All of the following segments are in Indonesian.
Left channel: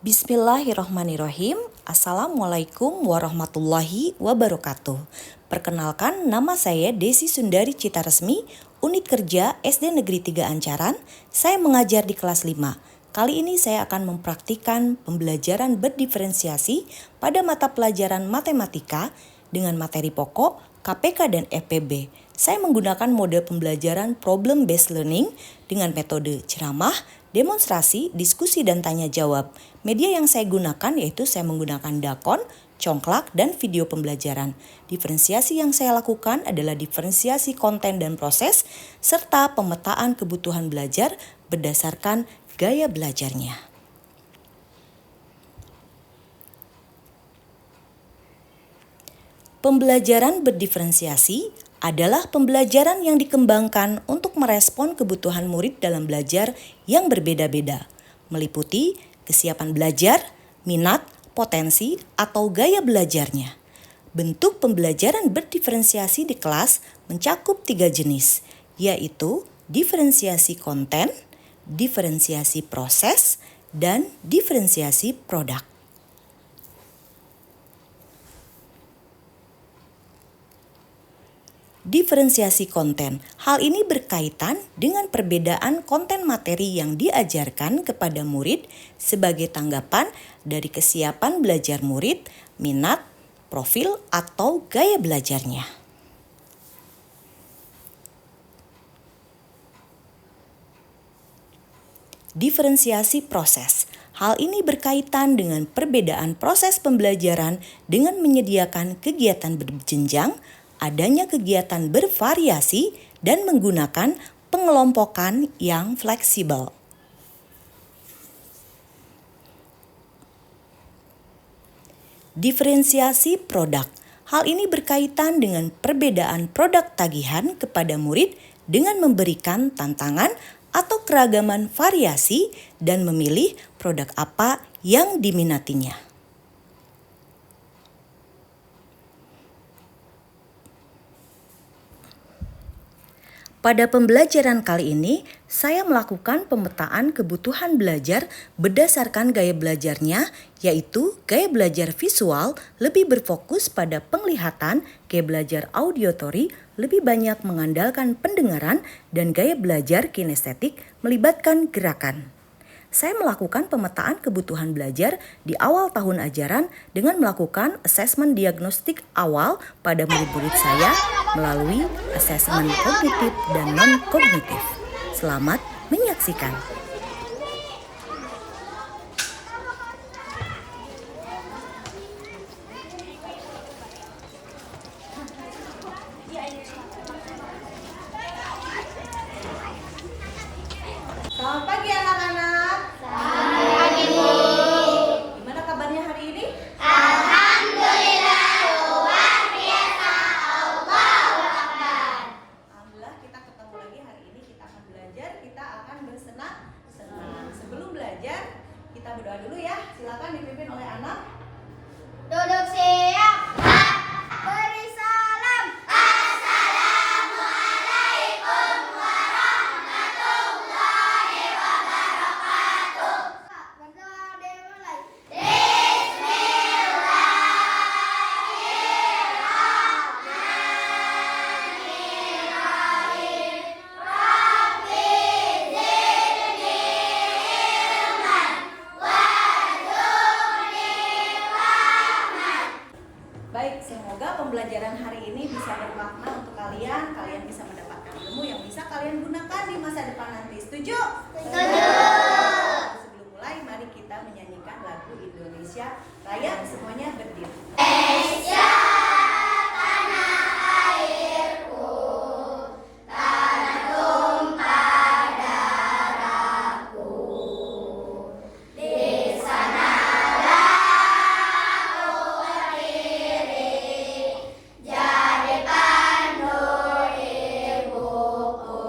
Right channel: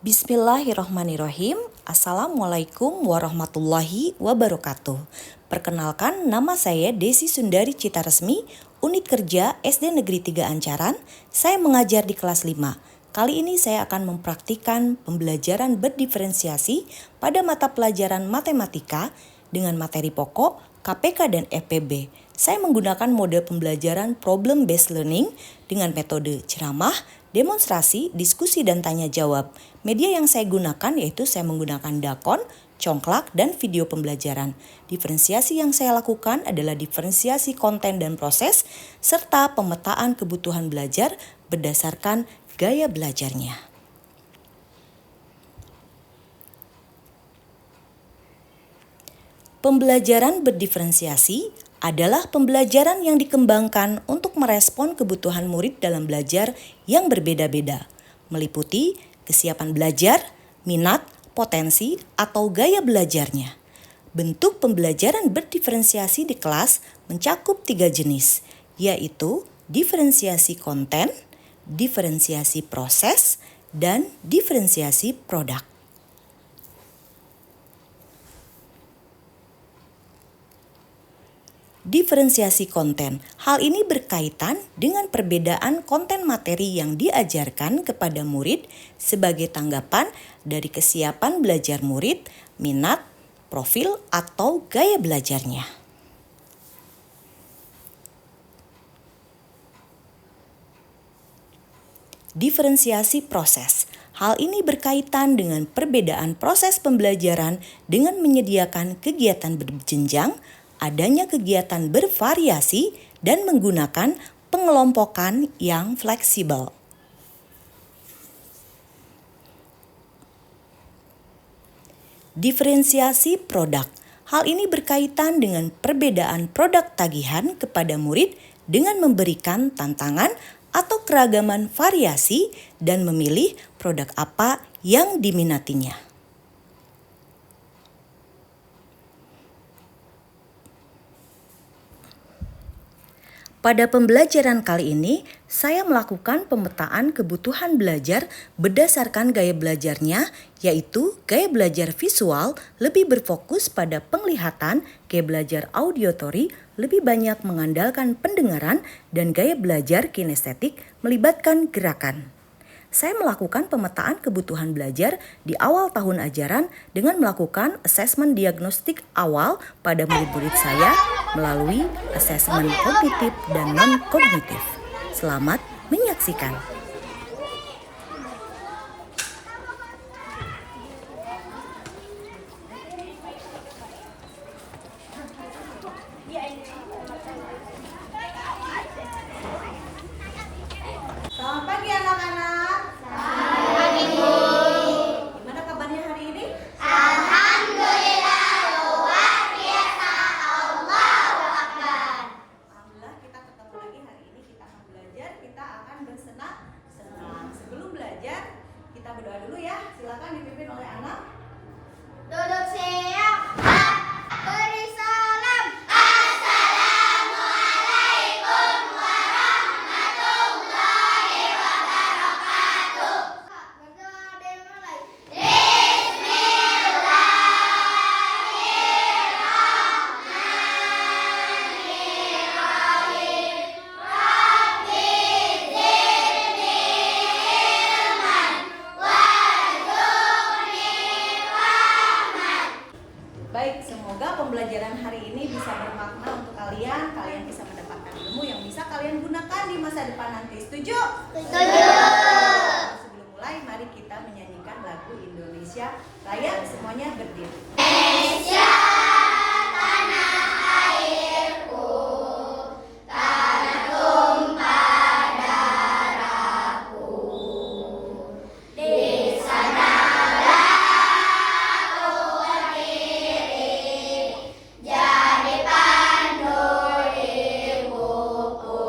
Bismillahirrohmanirrohim. Assalamualaikum warahmatullahi wabarakatuh. Perkenalkan, nama saya Desi Sundari Citaresmi, Unit Kerja SD Negeri 3 Ancaran. Saya mengajar di kelas 5. Kali ini saya akan mempraktikkan pembelajaran berdiferensiasi pada mata pelajaran matematika dengan materi pokok, KPK dan FPB. Saya menggunakan mode pembelajaran problem based learning dengan metode ceramah, demonstrasi, diskusi dan tanya jawab. Media yang saya gunakan yaitu saya menggunakan dakon, congklak, dan video pembelajaran. Diferensiasi yang saya lakukan adalah diferensiasi konten dan proses, serta pemetaan kebutuhan belajar berdasarkan gaya belajarnya. Pembelajaran berdiferensiasi adalah pembelajaran yang dikembangkan untuk merespon kebutuhan murid dalam belajar yang berbeda-beda, meliputi kesiapan belajar, minat, potensi, atau gaya belajarnya. Bentuk pembelajaran berdiferensiasi di kelas mencakup 3 jenis, yaitu diferensiasi konten, diferensiasi proses, dan diferensiasi produk. Diferensiasi konten. Hal ini berkaitan dengan perbedaan konten materi yang diajarkan kepada murid sebagai tanggapan dari kesiapan belajar murid, minat, profil, atau gaya belajarnya. Diferensiasi proses. Hal ini berkaitan dengan perbedaan proses pembelajaran dengan menyediakan kegiatan berjenjang, adanya kegiatan bervariasi, dan menggunakan pengelompokan yang fleksibel. Diferensiasi produk. Hal ini berkaitan dengan perbedaan produk tagihan kepada murid dengan memberikan tantangan atau keragaman variasi dan memilih produk apa yang diminatinya. Pada pembelajaran kali ini, saya melakukan pemetaan kebutuhan belajar berdasarkan gaya belajarnya, yaitu gaya belajar visual lebih berfokus pada penglihatan, gaya belajar auditory lebih banyak mengandalkan pendengaran, dan gaya belajar kinestetik melibatkan gerakan. Saya melakukan pemetaan kebutuhan belajar di awal tahun ajaran dengan melakukan asesmen diagnostik awal pada murid-murid saya melalui asesmen kognitif dan non-kognitif. Selamat menyaksikan. Selamat pagi anak-anak. Selamat pagi, Bu. Gimana kabarnya hari ini? Alhamdulillah luar biasa. Allahu Akbar. Alhamdulillah kita ketemu lagi hari ini. Kita akan belajar, kita akan bersenang-senang. Sebelum belajar, kita berdoa dulu ya. Silakan dipimpin oleh anak. Duduk siap. Beri salam. Assalamualaikum warahmatullahi wabarakatuh. Berdoa dimulai. Bismillahirrahmanirrahim. Rabbi zidni ilman warzuqni fahman. Baik, semoga pembelajaran hari ini bisa bermakna untuk kalian. Kalian bisa mendapatkan ilmu yang bisa kalian gunakan di masa depan nanti. Setuju? Sebelum mulai, mari kita menyanyikan lagu Indonesia Raya. Semuanya berdiri. Indonesia tanah airku, tanah tumpah darahku. Di sanalah aku berdiri, jadi pandu ibuku.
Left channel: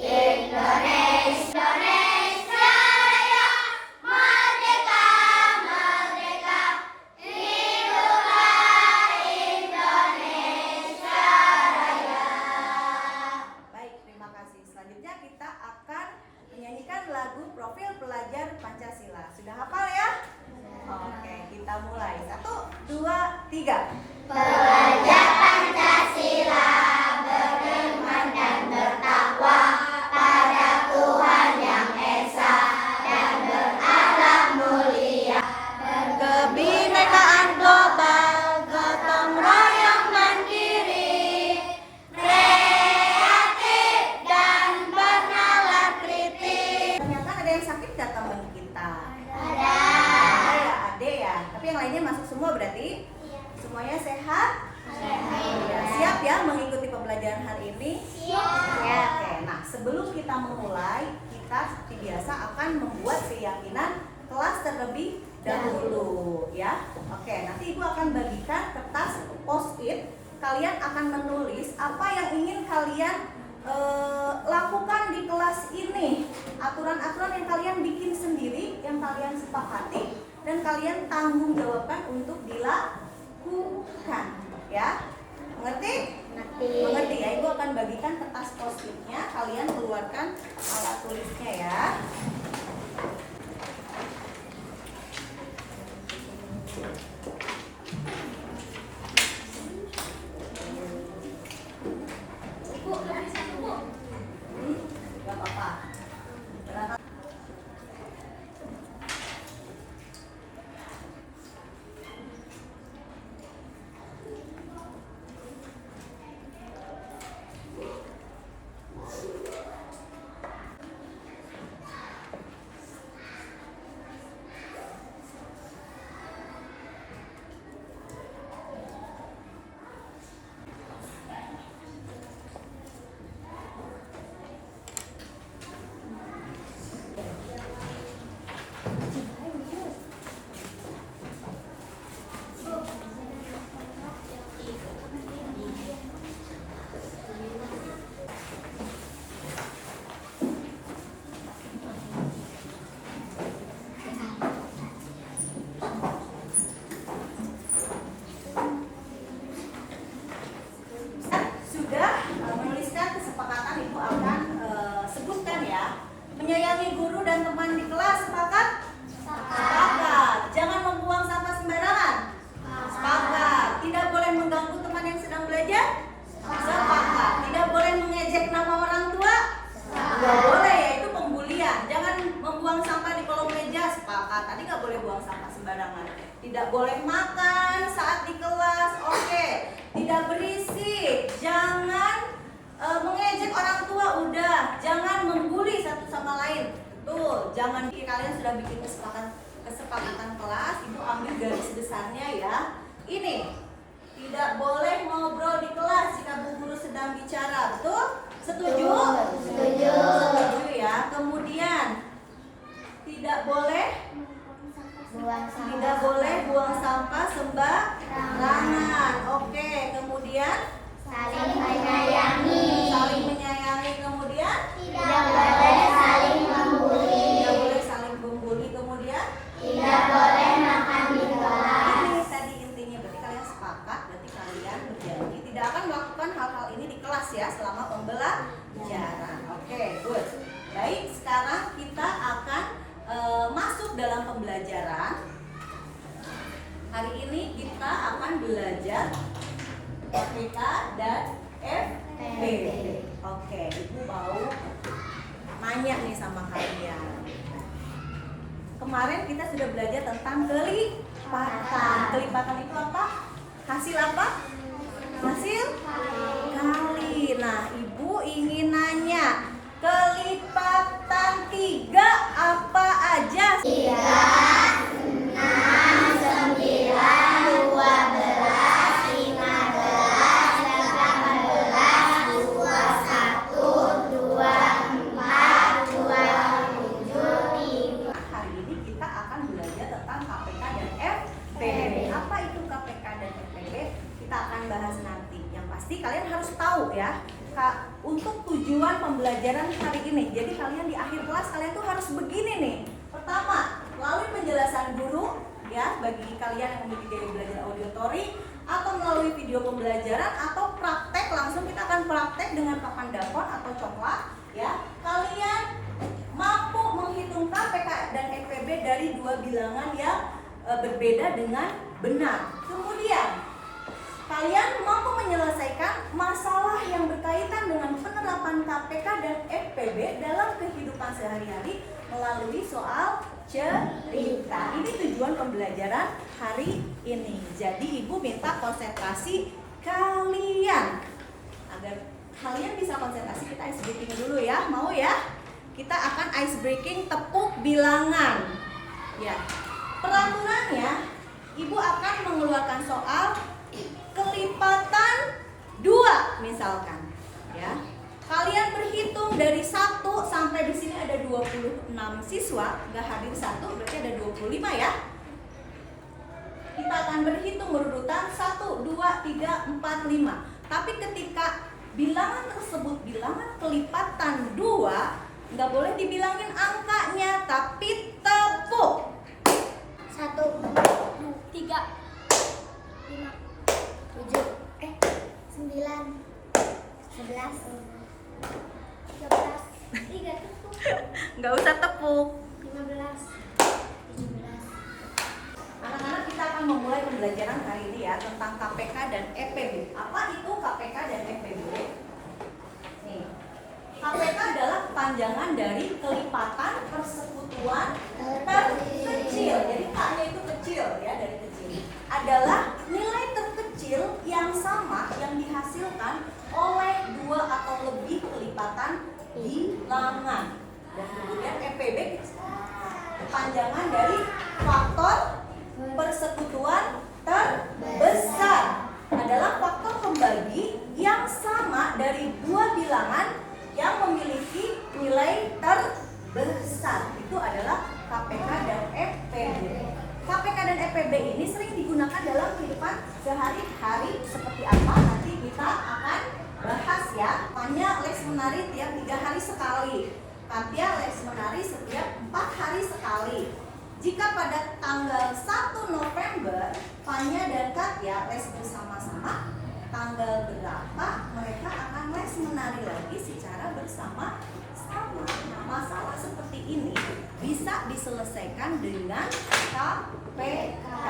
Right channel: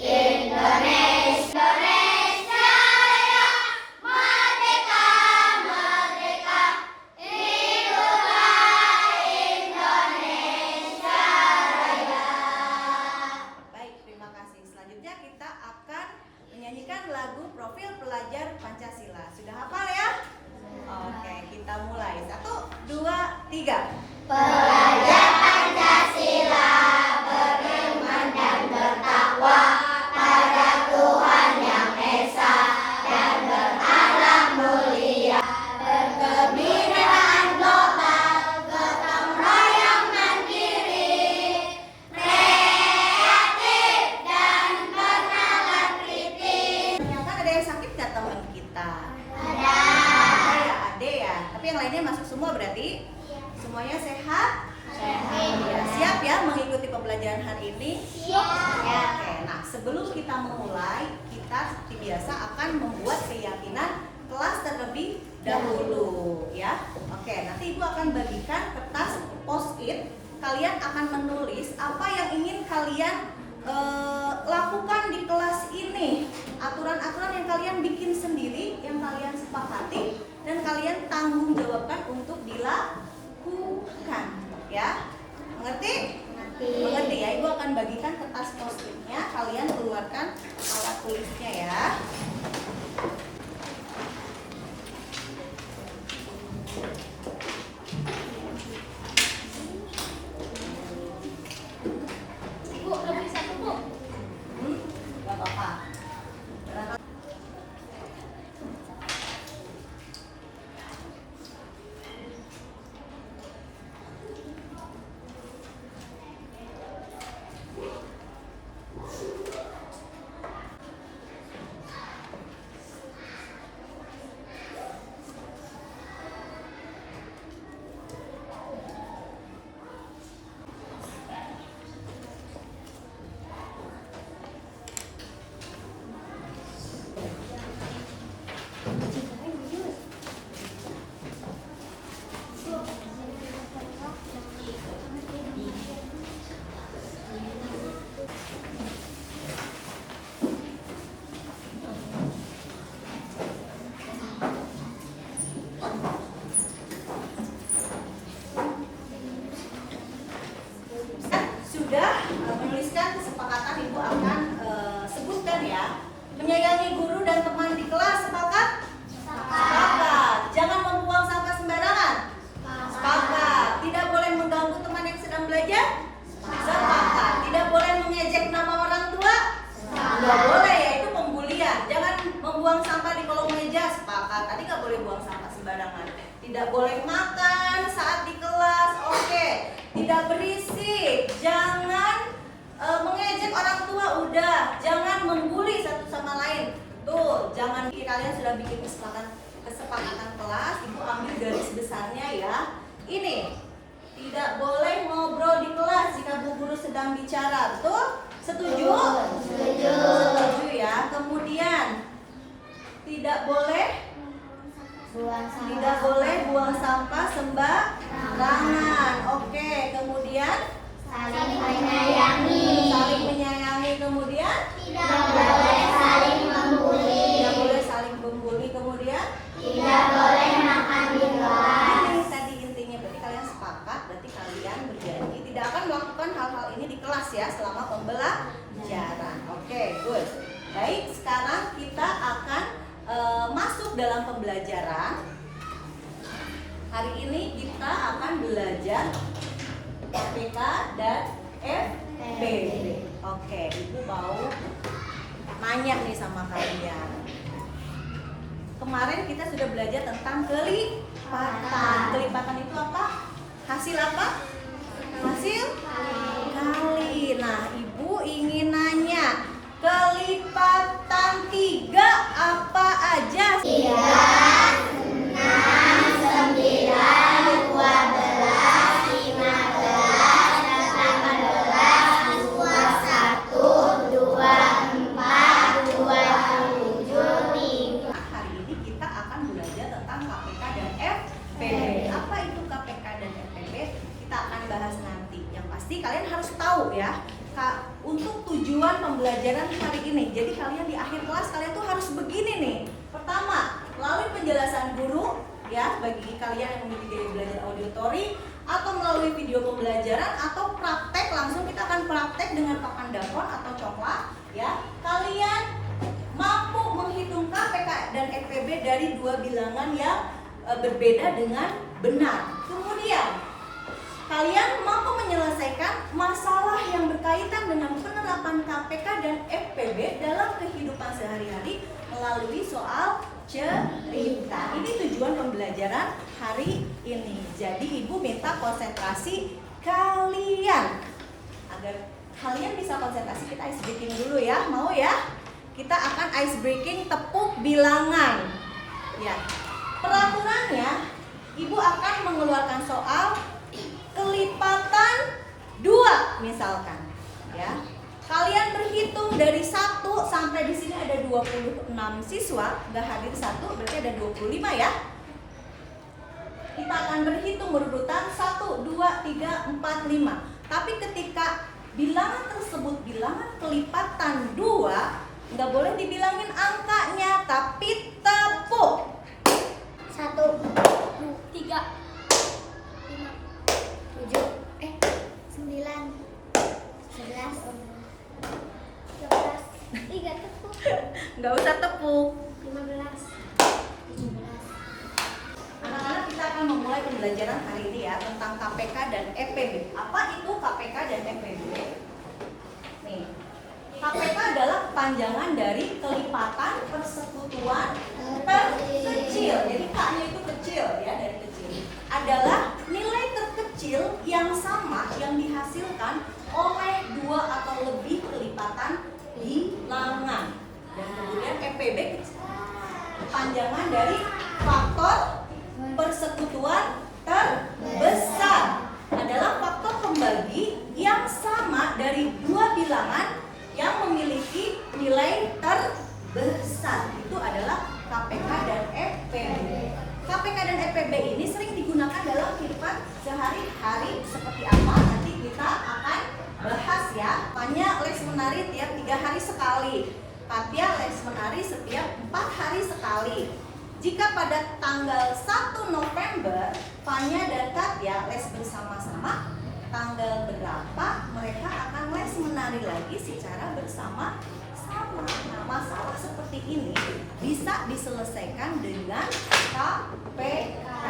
Indonesia, Indonesia Raya, merdeka, merdeka. Indonesia lagu Profil Pelajar Pancasila. Sudah hafal ya? Oke, kita mulai. 1, 2, 3. Pelajar Pancasila beriman dan bertakwa pada Tuhan Yang Esa dan berakhlak mulia, berkebinekaan global, gotong royong mandiri, kreatif dan penawar kritis. Ternyata ada yang sakit gak teman kita? Ada. Oh ya, ada ya. Tapi yang lainnya masuk semua berarti? Semuanya sehat? Ya, siap ya mengikuti pembelajaran hari ini? Siap. Oke, nah sebelum kita memulai, kita seperti biasa akan membuat keyakinan kelas terlebih dahulu ya. Oke, nanti Ibu akan bagikan kertas post-it. Kalian akan menulis apa yang ingin kalian lakukan di kelas ini. Aturan-aturan yang kalian bikin sendiri, yang kalian sepakati, dan kalian tanggung jawabkan untuk dilakukan ya. Mengerti? Mengerti ya. Ibu akan bagikan kertas post-itnya. Kalian keluarkan alat tulisnya ya. Bu, lebih satu, Bu. Gak apa-apa. Sudah menuliskan kesepakatan, Ibu akan sebutkan ya. Menyayangi guru dan teman di kelas, sepakat? Sepakat. Jangan membuang sampah sembarangan. Sepakat. Tidak boleh mengganggu teman yang sedang belajar. Sepakat. Tidak boleh mengejek nama orang tua. Nggak boleh ya, itu pembulian. Jangan membuang sampah di kolong meja. Sepakat. Tadi nggak boleh buang sampah sembarangan. Tidak boleh makan saat di kelas. Oke. Tidak berisik. Jangan mengejek orang tua. Udah. Jangan membuli satu sama lain. Betul. Jangan. Kalian sudah bikin kesepakatan kelas. Ibu ambil garis besarnya ya. Ini. Tidak boleh ngobrol di kelas jika bu guru sedang bicara. Betul? Setuju? Setuju. Setuju ya. Kemudian tidak boleh buang sampah sembarangan. Oke, kemudian Saling menyayangi. saling menyayangi. Kemudian Tidak boleh saling membuli. tidak boleh saling membuli. Kemudian Tidak boleh makan di kelas. ini tadi intinya, berarti kalian sepakat, berarti kalian berjanji tidak akan melakukan hal-hal ini di kelas ya selama pembelajaran. Oke, good. Baik, sekarang kita akan masuk dalam pembelajaran. Hari ini kita akan belajar FPK dan FPB. Oke, Ibu mau nanya nih sama kalian. Kemarin kita sudah belajar tentang kelipatan. Kelipatan itu apa? Hasil apa? Hasil kali. Nah, Ibu ingin nanya, kelipatan 3 apa aja? 3, 6, 9, 12, 15, 18, 21, 24, 27, 3. Hari ini kita akan belajar tentang KPK dan FPB. Apa itu KPK dan FPB? Kita akan bahas nanti. Yang pasti kalian harus tahu ya, untuk tujuan pembelajaran hari ini. Jadi kalian di akhir kelas kalian tuh harus begini nih. Pertama, melalui penjelasan guru ya, bagi kalian yang memiliki gaya belajar auditory, atau melalui video pembelajaran, atau praktek langsung. Kita akan praktek dengan papan dapur atau coklat ya. Kalian mampu FPB dari dua bilangan yang berbeda dengan benar. Kemudian kalian mampu menyelesaikan masalah yang berkaitan dengan penerapan KPK dan FPB dalam kehidupan sehari-hari melalui soal cerita. Ini tujuan pembelajaran hari ini. Jadi ibu minta konsentrasi kalian. Agar kalian bisa konsentrasi, kita ice breaking dulu ya. Mau ya? Kita akan ice breaking tepuk bilangan. Ya. Peraturannya, ibu akan mengeluarkan soal kelipatan 2 misalkan, ya. Kalian berhitung dari 1 sampai di sini ada 26 siswa, nggak hadir 1 berarti ada 25 ya. Kita akan berhitung berurutan 1, 2, 3, 4, 5. Tapi ketika bilangan tersebut bilangan kelipatan 2, nggak boleh dibilangin angkanya, tapi tepuk. 1, 2, 3, 5, 7, 9, 11, 13, 3 tepuk, Nggak usah tepuk. 15, 17. Anak-anak, kita akan memulai pembelajaran hari ini ya tentang KPK dan FPB. Apa itu KPK dan FPB? Nih, KPK adalah kepanjangan dari kelipatan persekutuan terkecil. Jadi K-nya itu kecil ya, dari kecil. Adalah nilai terkecil yang sama yang dihasilkan oleh 2 atau lebih kelipatan bilangan. Dan kemudian FPB kepanjangan dari faktor persekutuan terbesar, adalah faktor pembagi yang sama dari 2 bilangan yang memiliki nilai terbesar. Itu adalah KPK dan FPB. KPK dan FPB ini sering digunakan dalam kehidupan sehari-hari. Seperti apa? Nanti kita akan bahas ya. Hanya les menari tiap 3 hari sekali. Katya les menari setiap 4 hari sekali. Jika pada tanggal 1 November Fanya dan Katya les bersama-sama, tanggal berapa mereka akan les menari lagi secara bersama-sama. Nah, masalah seperti ini bisa diselesaikan dengan KPK.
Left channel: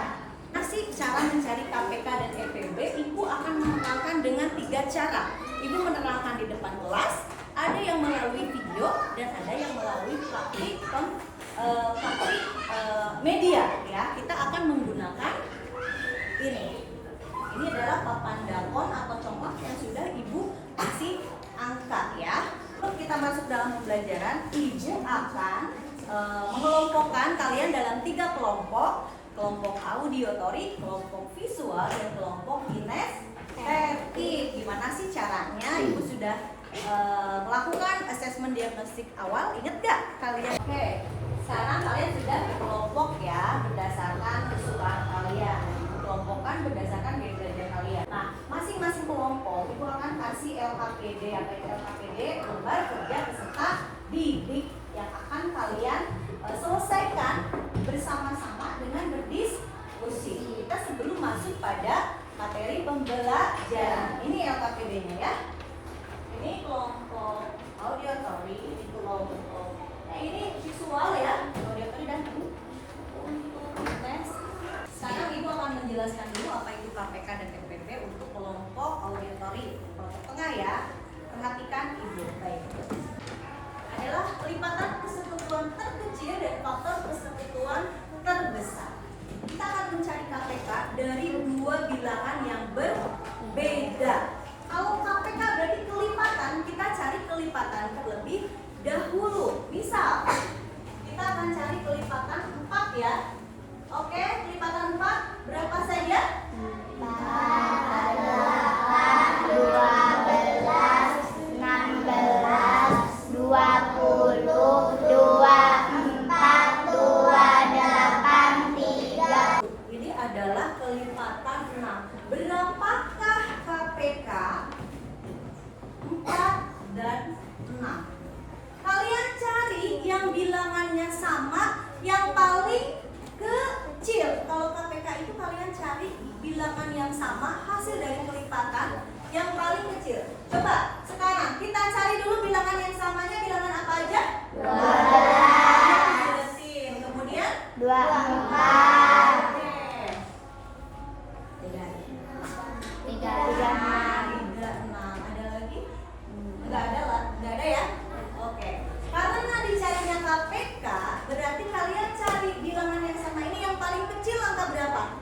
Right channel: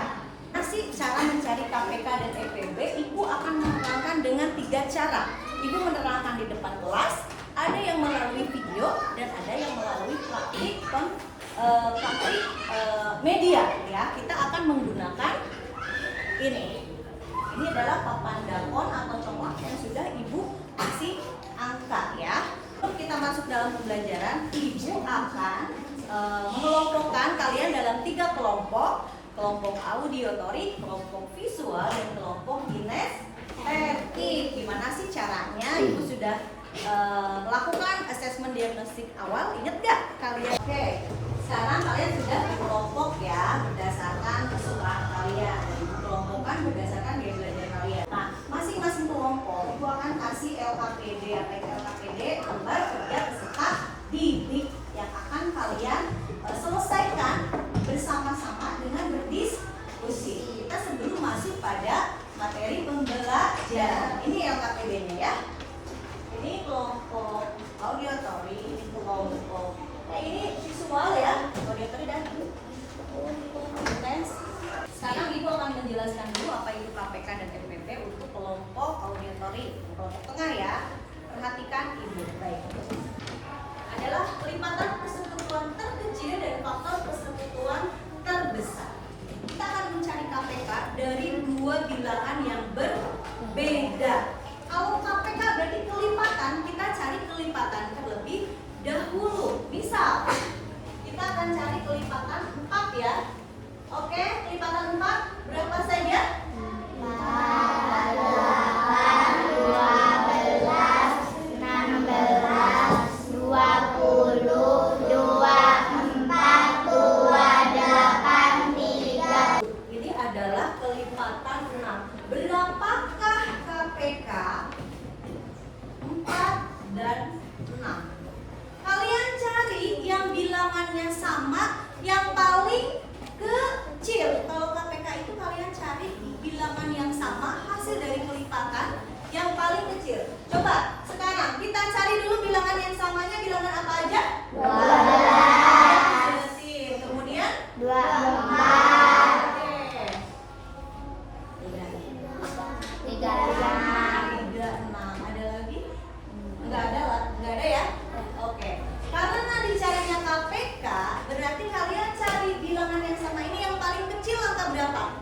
Nah, sih cara mencari KPK dan FPB, Ibu akan menerangkan dengan 3 cara. Ibu menerangkan di depan kelas, ada yang melalui video dan ada yang melalui praktik media ya. Kita akan menggunakan ini. Ini adalah papan dakon atau congklak yang sudah Ibu kasih angka ya. Sebelum kita masuk dalam pembelajaran, Ibu akan mengelompokkan kalian dalam 3 kelompok. Kelompok audiotori, kelompok visual, dan kelompok kinestetik. Gimana sih caranya? Ibu sudah melakukan asesmen diagnostik awal. Ingat gak kalian? Oke, sekarang kalian sudah kelompok ya berdasarkan kesukaan kalian. Kelompokkan berdasarkan gaya belajar kalian. Nah, masing-masing kelompok itu akan kasih LKPD. Apa itu LKPD? Lembar kerja peserta didik yang akan kalian selesaikan bersama-sama dengan berdiskusi. Kita sebelum masuk pada materi pembelajaran. Ini LKPD-nya ya. Ini kelompok audiotori, ini kelompok ini visual ya, audiotori dan lens. Sekarang Ibu akan menjelaskan dulu apa itu KPK dan FPB untuk kelompok audiotori, kelompok tengah ya. Perhatikan Ibu, baik. Adalah kelipatan persekutuan terkecil dan faktor persekutuan terbesar. Kita akan mencari KPK dari 2 bilangan yang berbeda. Kalau KPK berarti kelipatan, kita cari kelipatan terlebih dahulu. Misal, kita akan cari kelipatan 4 ya. Oke, kelipatan 4 berapa saja? 8, 12, 16, 20, 24, 28, 3. Ini adalah kelipatan 6. Berapakah KPK 4 dan 6? Kalian cari yang bilangannya sama, yang paling kecil. Kalau KPK itu kalian cari bilangan yang sama, hasil dari kelipatan yang paling kecil. Coba sekarang kita cari dulu bilangan yang samanya. Bilangan apa aja? 12. Kemudian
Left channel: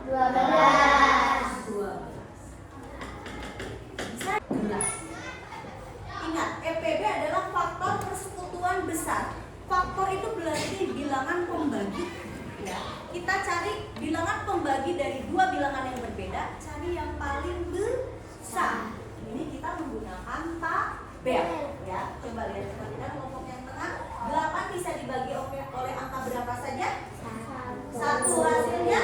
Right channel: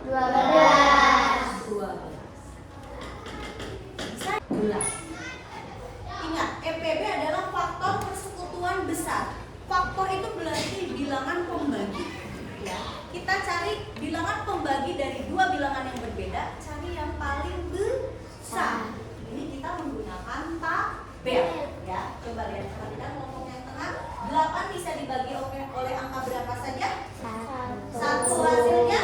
berapa? 12. 12. Bisa 12. Ingat, EPB adalah faktor persekutuan besar. Faktor itu berarti bilangan pembagi. Ya, kita cari bilangan pembagi dari dua bilangan yang berbeda, cari yang paling besar. Ini kita menggunakan tabel. Ya, coba lihat perhatikan kelompok yang tengah. 8 bisa dibagi oleh angka berapa saja? 1 hasilnya.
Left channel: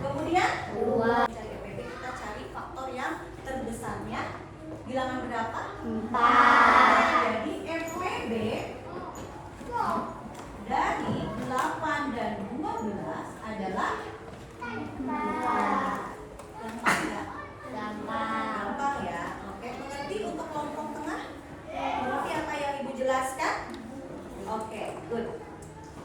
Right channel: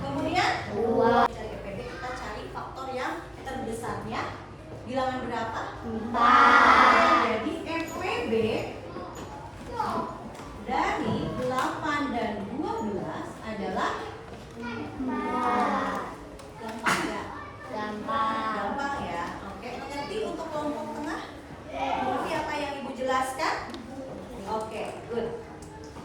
Kemudian 2. Cari EPB, kita cari faktor yang terbesarnya. Bilangan berapa? 4. Jadi EPB dari 8 dan 12 adalah gampang nggak? Gampang ya. Oke, mengerti untuk kelompok tengah? Mengerti apa yang Ibu jelaskan? Oke, good.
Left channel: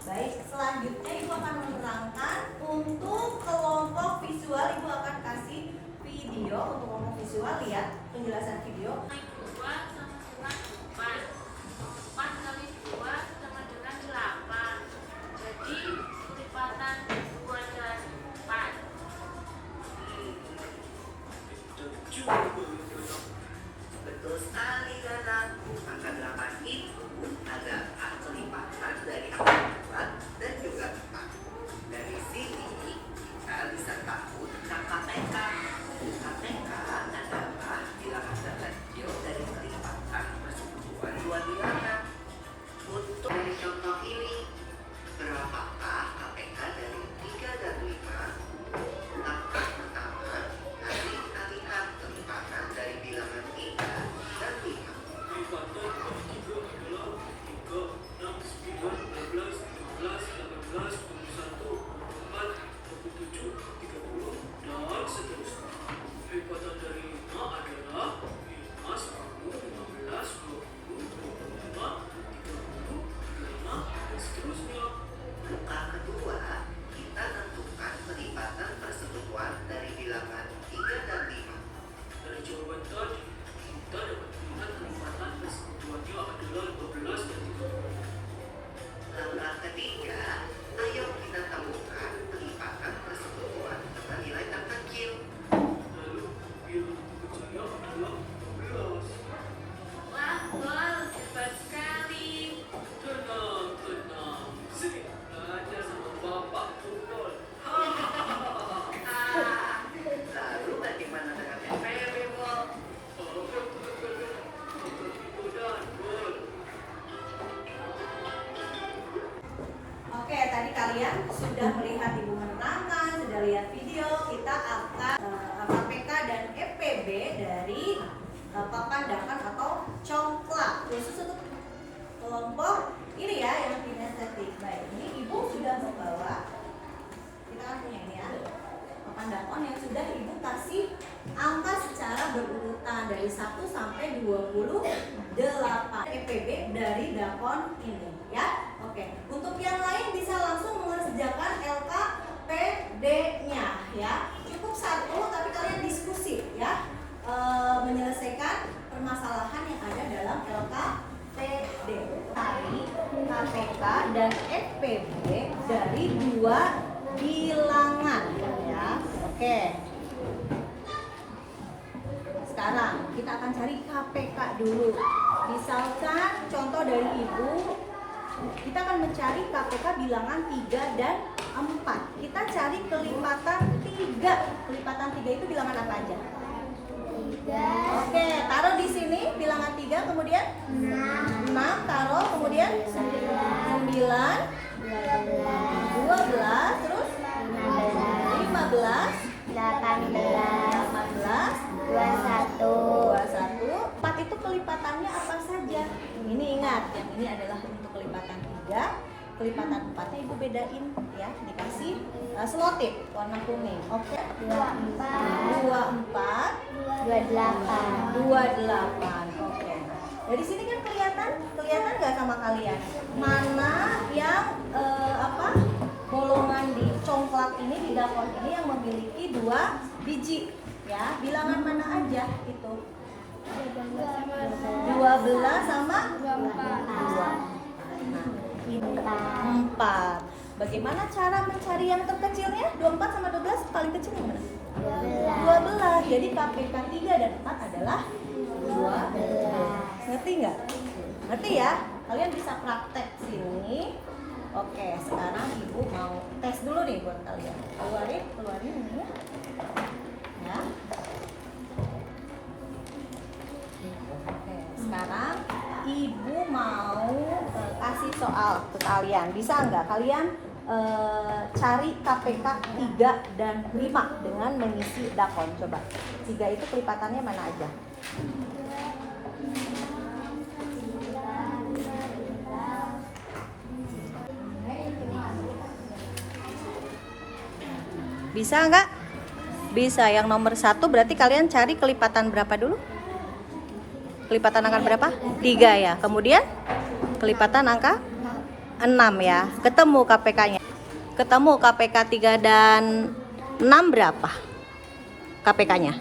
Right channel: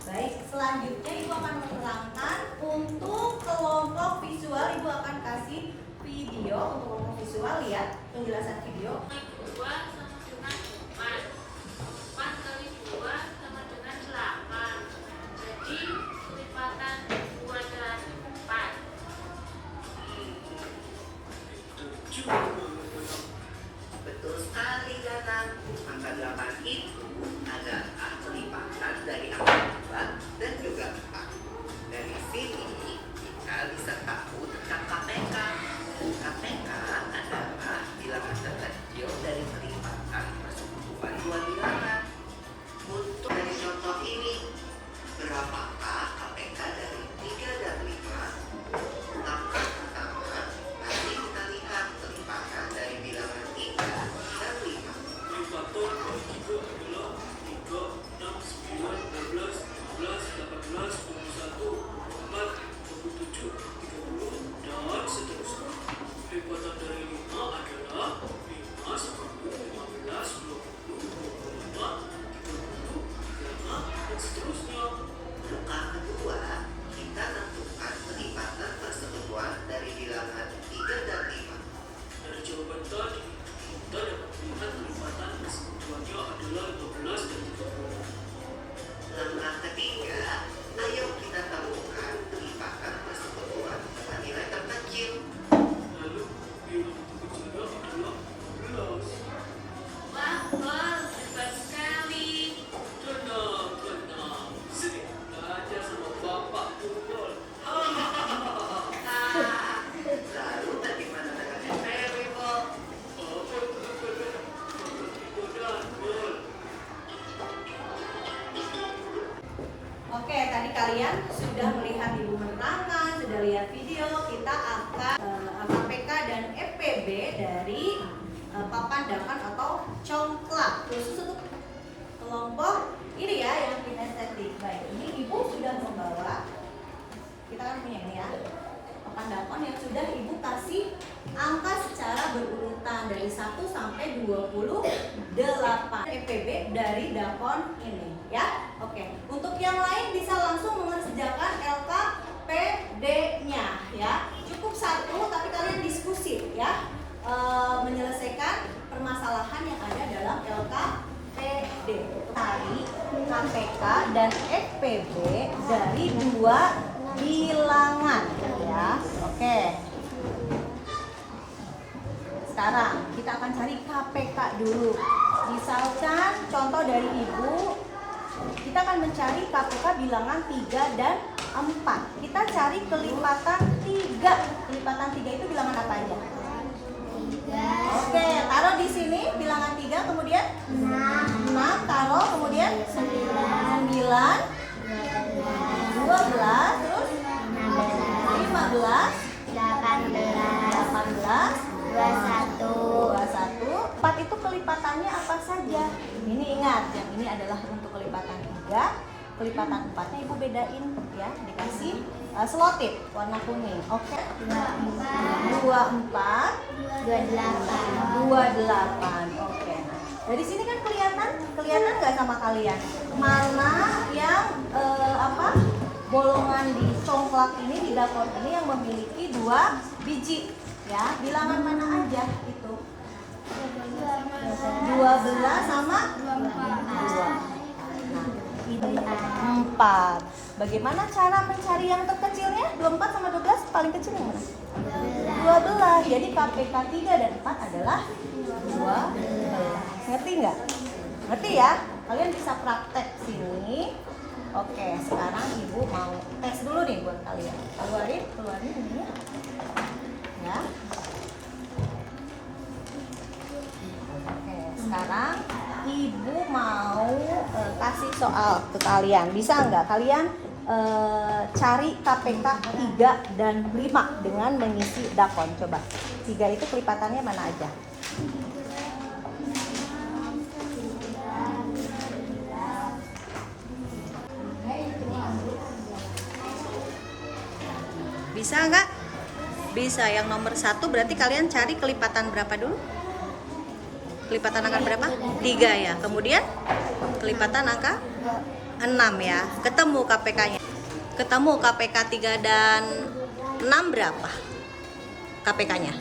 Baik, selanjutnya Ibu akan menerangkan untuk kelompok visual. Ibu akan kasih video untuk kelompok visual, lihat penjelasan video. 2 sama dengan 4. 4 kali 2 sama dengan 8. Jadi lipatan 2 dan 4. Betul sekali, Gana. Angka 8 itu adalah kelipatan dari angka 2 dan juga 4. Dari sini kita bisa tahu tentang KPK. KPK adalah bilangan terkecil dari kelipatan persekutuan dua bilangan. Untuk dari contoh ini, berapakah KPK dari 3 dan 5? Langkah pertama, nanti kita lihat kelipatan dari bilangan 3 dan 5. Kelipatan dari 3 adalah 3, 6, 9, 12, 15, 18, 21, 24, 27, 30, dan seterusnya. Kelipatan dari 5 adalah 5, 10, 15, 20, 25, 30, 35, dan seterusnya. Langkah kedua, kita tentukan kelipatan persekutuan dari bilangan 3 dan 5. Dari jawaban tadi, kita dapat melihat kelipatan persekutuannya adalah 15 dan 30. Langkah ketiga, ayo kita temukan kelipatan persekutuan dengan nilai terkecil. Lalu, bilangan terkecilnya adalah 15. Wah, Bol, hebat sekali. Tenang. Sini, belajar sama Bapak Purwol. Lalu bagaimana dengan EPB, Bol? Oke, tadi kalian sudah melihat Ibu menerangkan, sudah lihat video. Kita akan KPK dan EPB dari papan dapan atau congklak khusus untuk kelompok ini ya yang kinestetik. Baik, ini Ibu sudah membawa, kita kan punya ini ya, papan dapan yang sudah Ibu kasih angka secara berurutan dari 1 sampai 28 EPB dari dapan ini ya. Oke, untuk yang lain bisa langsung mengerjakan LKPD-nya ya. Cukup satu, tapi kalian diskusi ya, menyelesaikan permasalahan yang ada dalam LKPD. Cari KPK dan EPB dari dua bilangan ya. Oke. Sekarang kita akan cari KPK dulu. Misalkan contoh dari Ibu, kita akan mencari KPK bilangan 3 dan 4. Kita cari kelipatan 3. Kelipatan 3 itu bilangan apa aja? 3. Oke, taruh di sini bilangan 3, kemudian 6, taruh, kemudian 9, 12, terus 15, 18, 21. 4 itu kelipatannya apa saja? Ini ingat, yang ini adalah untuk kelipatan 3. Kelipatan 4-nya Ibu bedain ya, dikasih selotip warna kuning. Oke. 24, 28. Oke. Dari sini kan kelihatan nggak sama kalian mana yang bolongan di congklak ini, di dakon ini yang memiliki 2 biji ya. Bilangan mana aja itu? 12 sama 2. Nah, ini 4. Bagaimana cara mencari yang terkecilnya? 24 sama 12 paling kecil yang mana? 12. Jadi KPK 3 dan 4 adalah 12. Ngerti nggak? Ngerti ya? Kalian bisa praktek sini. Oke, sekarang ibu mau tes dulu nih buat kalian. Keluarin ini. Ya. Oke, sekarang ibu mau kasih soal ke kalian. Bisa nggak kalian cari KPK 3 dan 5 dengan mengisi dakon? Coba. 3 itu kelipatannya mana aja? Bisa nggak? Bisa. Yang nomor 1 berarti kalian cari kelipatan berapa dulu? Kelipatan angka berapa? 3 ya. Kemudian kelipatan angka 6 ya. Ketemu KPK-nya. Ketemu KPK 3 dan 6 berapa? KPK-nya?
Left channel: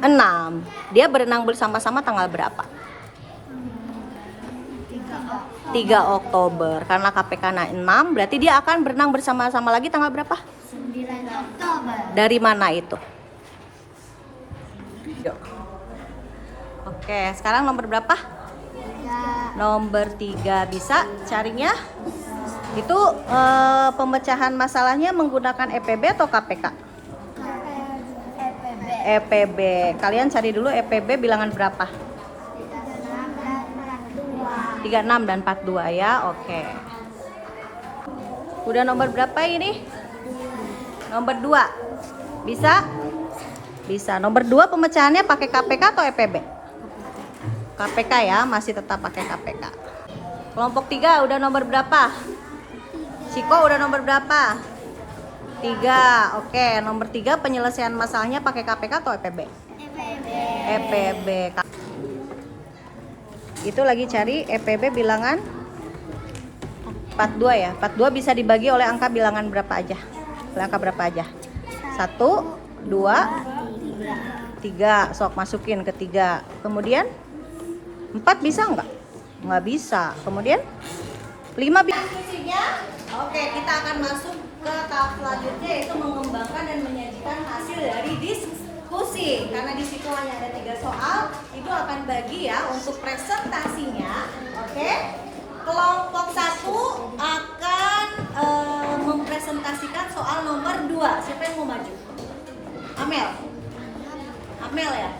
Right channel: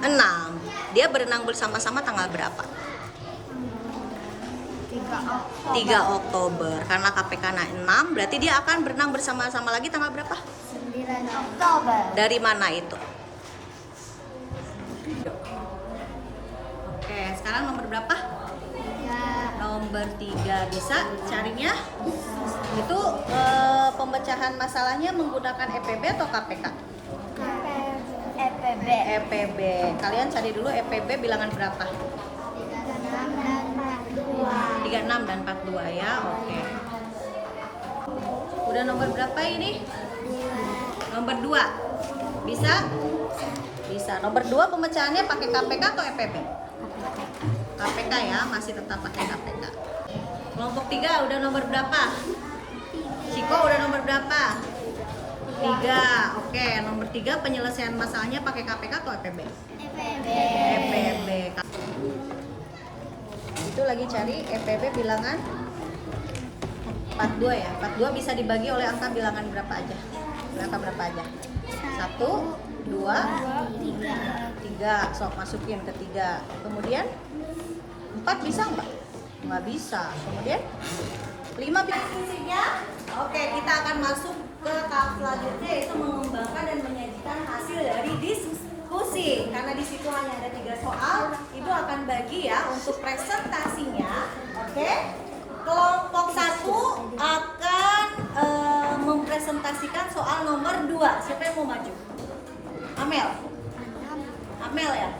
6. Dia berenang bersama-sama tanggal berapa? 3 Oktober. Karena KPK-nya 6, berarti dia akan berenang bersama-sama lagi tanggal berapa? 9 Oktober. Dari mana itu? Oke, sekarang nomor berapa? 3. Nomor 3. Bisa carinya? Itu pemecahan masalahnya menggunakan EPB atau KPK? EPB. EPB. Kalian cari dulu EPB bilangan berapa? 36 dan 42. 36 dan 42 ya. Oke. Udah nomor berapa ini? Nomor 2. Bisa? Bisa. Nomor 2 pemecahannya pakai KPK atau EPB? KPK ya, masih tetap pakai KPK. Kelompok 3 udah nomor berapa? Siko udah nomor berapa? 3. Oke, nomor 3 penyelesaian masalahnya pakai KPK atau EPB? EPB. EPB. Itu lagi cari EPB bilangan 42 ya. 42 bisa dibagi oleh angka bilangan berapa aja? Angka berapa aja? 1, 2, 3. Sok masukin ke 3. Kemudian 4 bisa nggak? Nggak bisa. Kemudian 5 bisa. Diskusinya. Oke, kita akan masuk ke tahap selanjutnya, yaitu mengembangkan dan menyajikan hasil dari diskusi. Karena di situ hanya ada 3 soal, ibu akan bagi ya untuk presentasinya. Oke. Kelompok 1 akan mempresentasikan soal nomor 2. Siapa yang mau maju? Amel. Amel ya?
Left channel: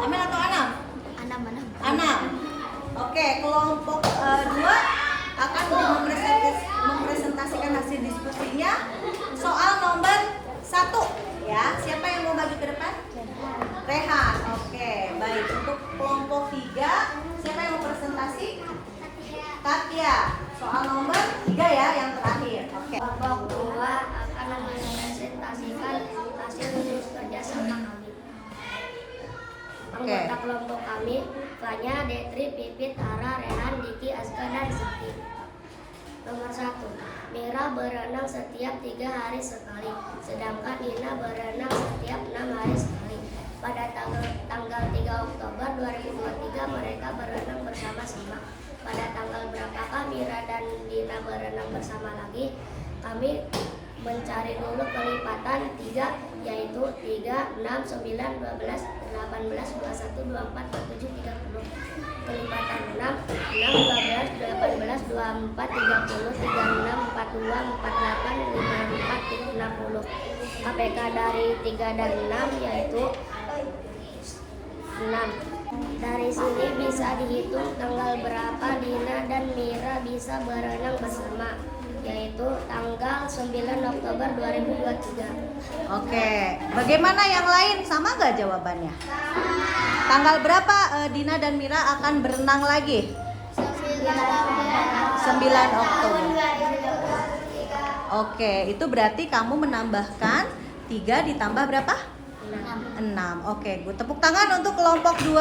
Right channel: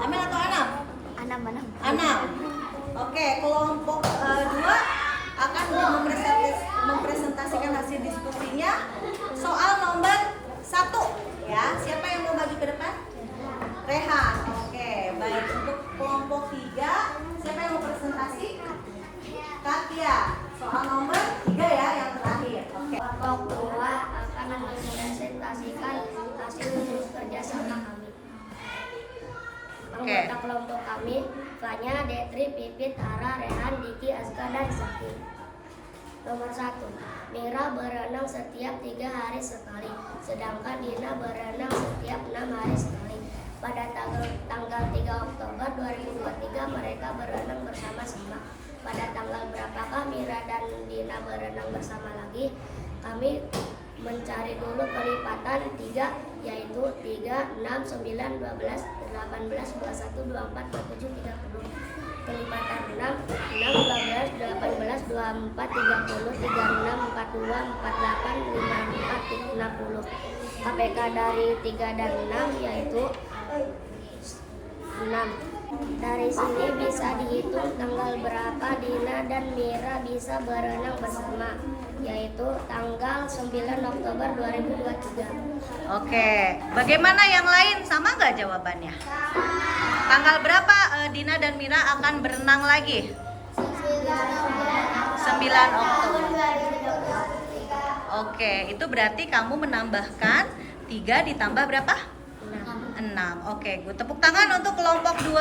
Amel atau Anam? Anam. Oke, kelompok 2 akan mempresentasikan hasil diskusinya soal nomor 1 ya. Siapa yang mau maju ke depan? Rehan. Oke, baik. Untuk kelompok 3, siapa yang mau presentasi? Katya. Soal nomor 3 ya, yang terakhir. Oke. Kelompok 2 akan mempresentasikan hasil kerjasama kami. Anggota kelompok kami, Fanya, Detri, Pipit, Ara, Rehan, Diki, Azka, dan Saki. Nomor 1, Mira berenang setiap 3 hari sekali, sedangkan Dina berenang setiap 6 hari sekali. Pada tanggal 3 Oktober 2023 mereka berenang bersama-sama. Pada tanggal berapakah Mira dan Dina berenang bersama lagi? Kami mencari dulu kelipatan 3, yaitu 3, 6, 9, 12, 18, 21, 24, 27, 30. Kelipatan 6, 12, 18, 24, 30, 36, 42, 48, 54, 60. KPK dari 3 dan 6 yaitu 6. Dari sini bisa dihitung tanggal berapa Dina dan Mira bisa berenang bersama, yaitu tanggal 9 Oktober 2023. Oke, bagaimana yang lain? Sama nggak jawabannya? Tanggal berapa Dina dan Mira akan berenang lagi? 9 Oktober. Oke, itu berarti kamu menambahkan 3 ditambah berapa? 6. Oke, gue tepuk tangan untuk kelompok 2.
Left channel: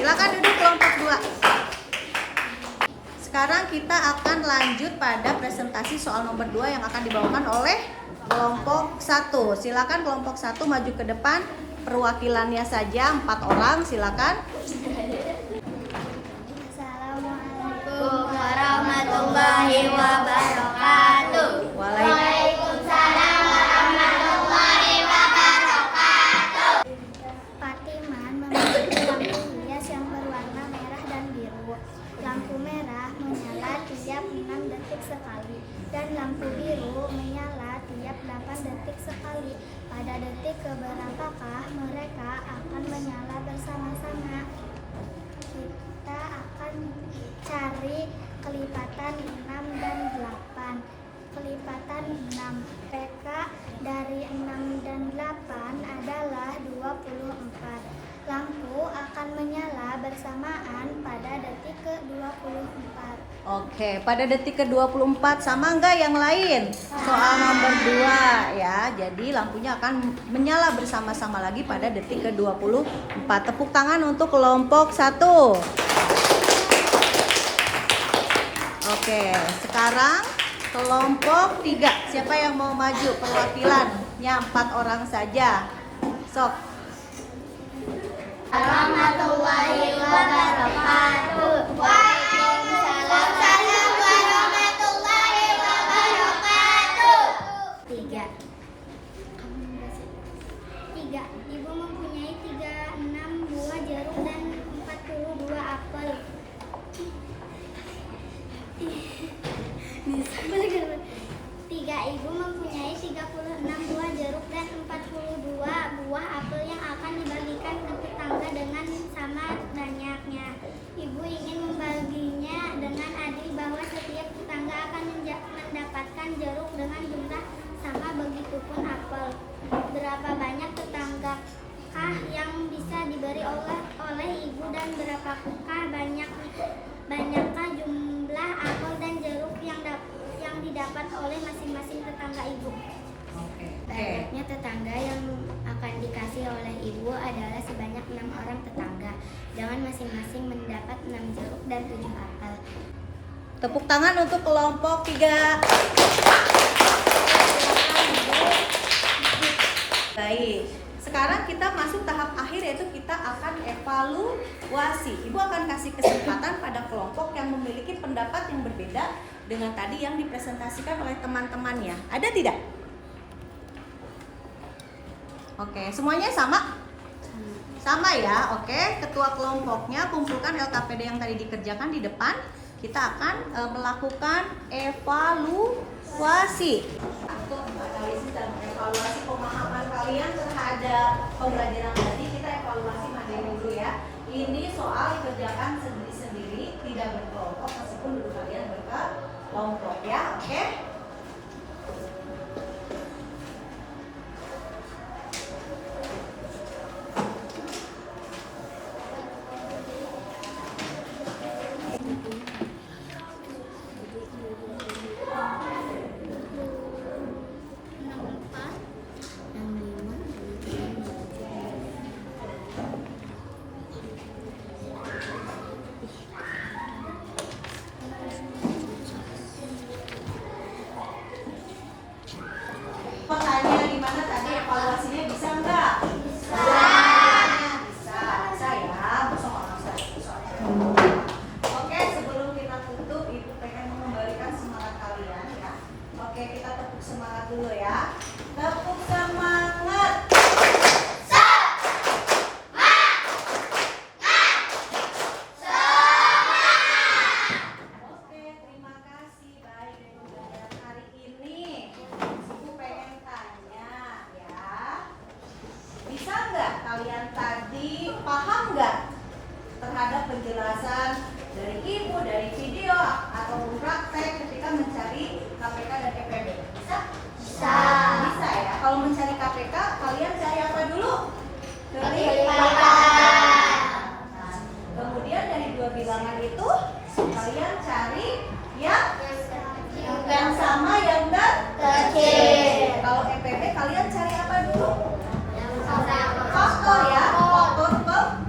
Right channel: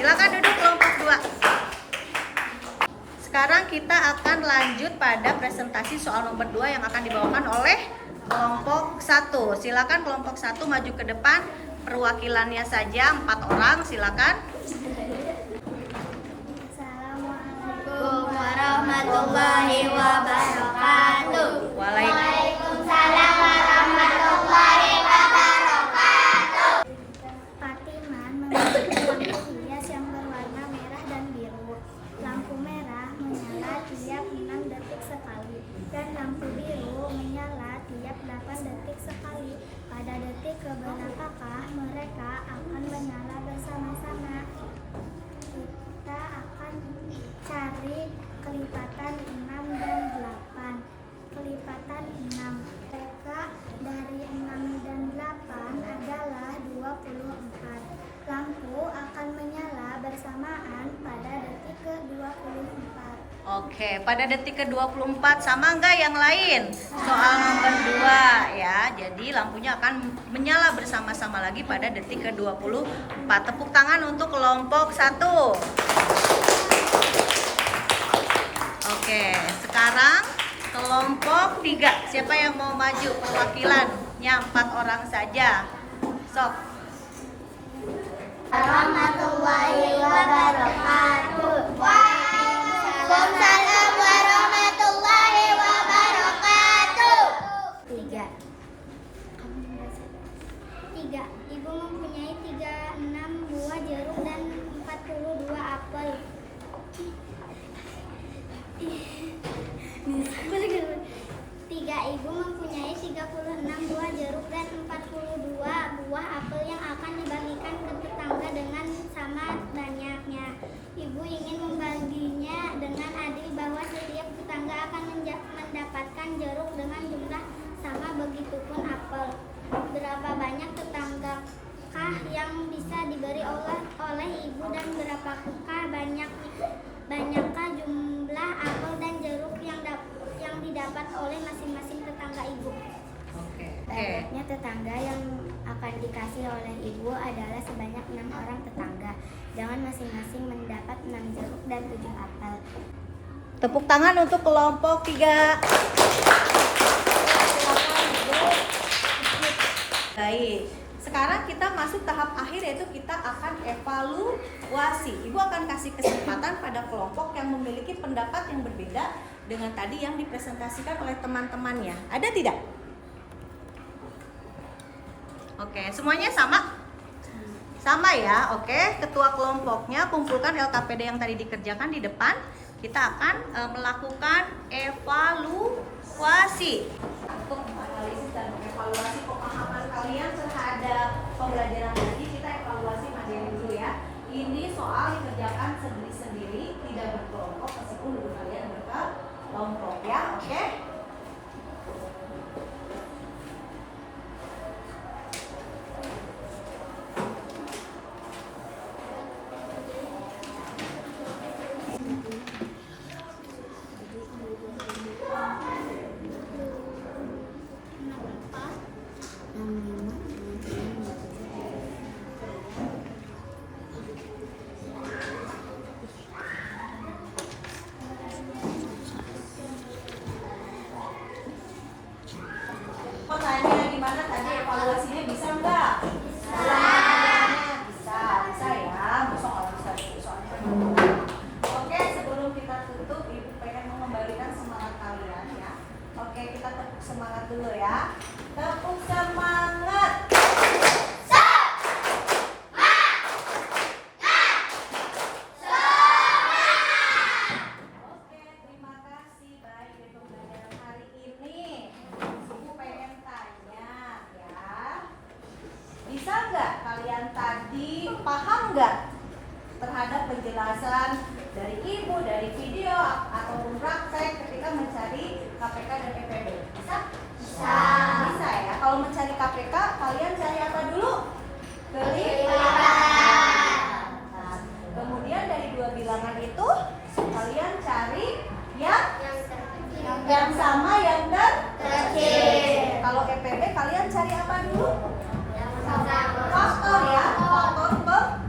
Silakan duduk kelompok 2. Sekarang kita akan lanjut pada presentasi soal nomor 2 yang akan dibawakan oleh kelompok 1. Silakan kelompok 1 maju ke depan. Perwakilannya saja 4 orang, silakan. Assalamualaikum warahmatullahi warahmatullahi wabarakatuh. Waalaikumsalam. Patiman memiliki lampu hias yang berwarna merah dan biru. Lampu merah menyala tiap 6 detik sekali dan lampu biru menyala tiap 8 detik sekali. Pada detik keberapakah mereka akan menyala bersama-sama? Kita akan cari kelipatan 6 dan 8. Kelipatan 6 PK dari 6 dan 8 adalah 24. Lampu akan menyala bersamaan pada detik ke-24. Oke, pada detik ke-24 sama enggak yang lain? Soal nomor 2 ya. Jadi lampunya akan menyala bersama-sama lagi pada detik ke-24. Tepuk tangan untuk kelompok 1. Oke, sekarang kelompok 3. Siapa yang mau maju perwakilannya? 4 orang saja. Sok. Warahmatullahi wabarakatuh. Tiga. Ibu mempunyai 36 buah jeruk dan 42 apel. Tiga. Ibu mempunyai 36 buah jeruk dan 42 buah apel yang akan dibagikan ke tetangga dengan sama banyaknya. Ibu ingin membaginya dengan adil bahwa setiap tetangga akan mendapatkan jeruk dengan jumlah sama, begitupun apel. Berapa banyak tetanggakah yang bisa diberi oleh ibu dan berapakah banyakkah jumlah apel dan jeruk yang didapat oleh masing-masing tetangga ibu? Banyaknya tetangga yang akan dikasih oleh ibu adalah sebanyak 6 orang tetangga, dengan masing-masing mendapat 6 jeruk dan 7 apel. Tepuk tangan untuk kelompok 3. Baik, sekarang kita masuk tahap akhir, yaitu kita akan evaluasi. Ibu akan kasih kesempatan pada kelompok yang memiliki pendapat yang berbeda dengan tadi yang dipresentasikan oleh teman-temannya. Ada tidak? Oke, semuanya sama? Sama ya, oke. Ketua kelompoknya kumpulkan LKPD yang tadi dikerjakan di depan. Kita akan melakukan evaluasi. Untuk menganalisis dan evaluasi pemahaman kalian terhadap pembelajaran tadi, kita evaluasi materi dulu ya. Ini soal dikerjakan sendiri-sendiri, tidak berkelompok, meskipun dulu kalian berkelompok ya, oke? Pertanyaan gimana tadi evaluasinya, bisa enggak? Bisa ya. Besok orang soalnya. Oke, sebelum kita tutup, Ibu pengen mengembalikan semangat kalian ya. Oke, kita tepuk semangat dulu ya. Tepuk semangat. Oke, terima kasih. Baik, dari pembelajaran hari ini. Ibu pengen tanya ya, bisa nggak kalian tadi paham nggak terhadap penjelasan dari ibu, dari video ataupun praktek ketika mencari KPK dan EPB? Bisa? Bisa ya. Kalau mencari KPK, kalian cari apa dulu? Kelipatan. Nah, kemudian dari 2 bilangan itu kalian cari yang sama, yang kecil. Kalau EPB kalian cari apa dulu? Faktor ya, faktor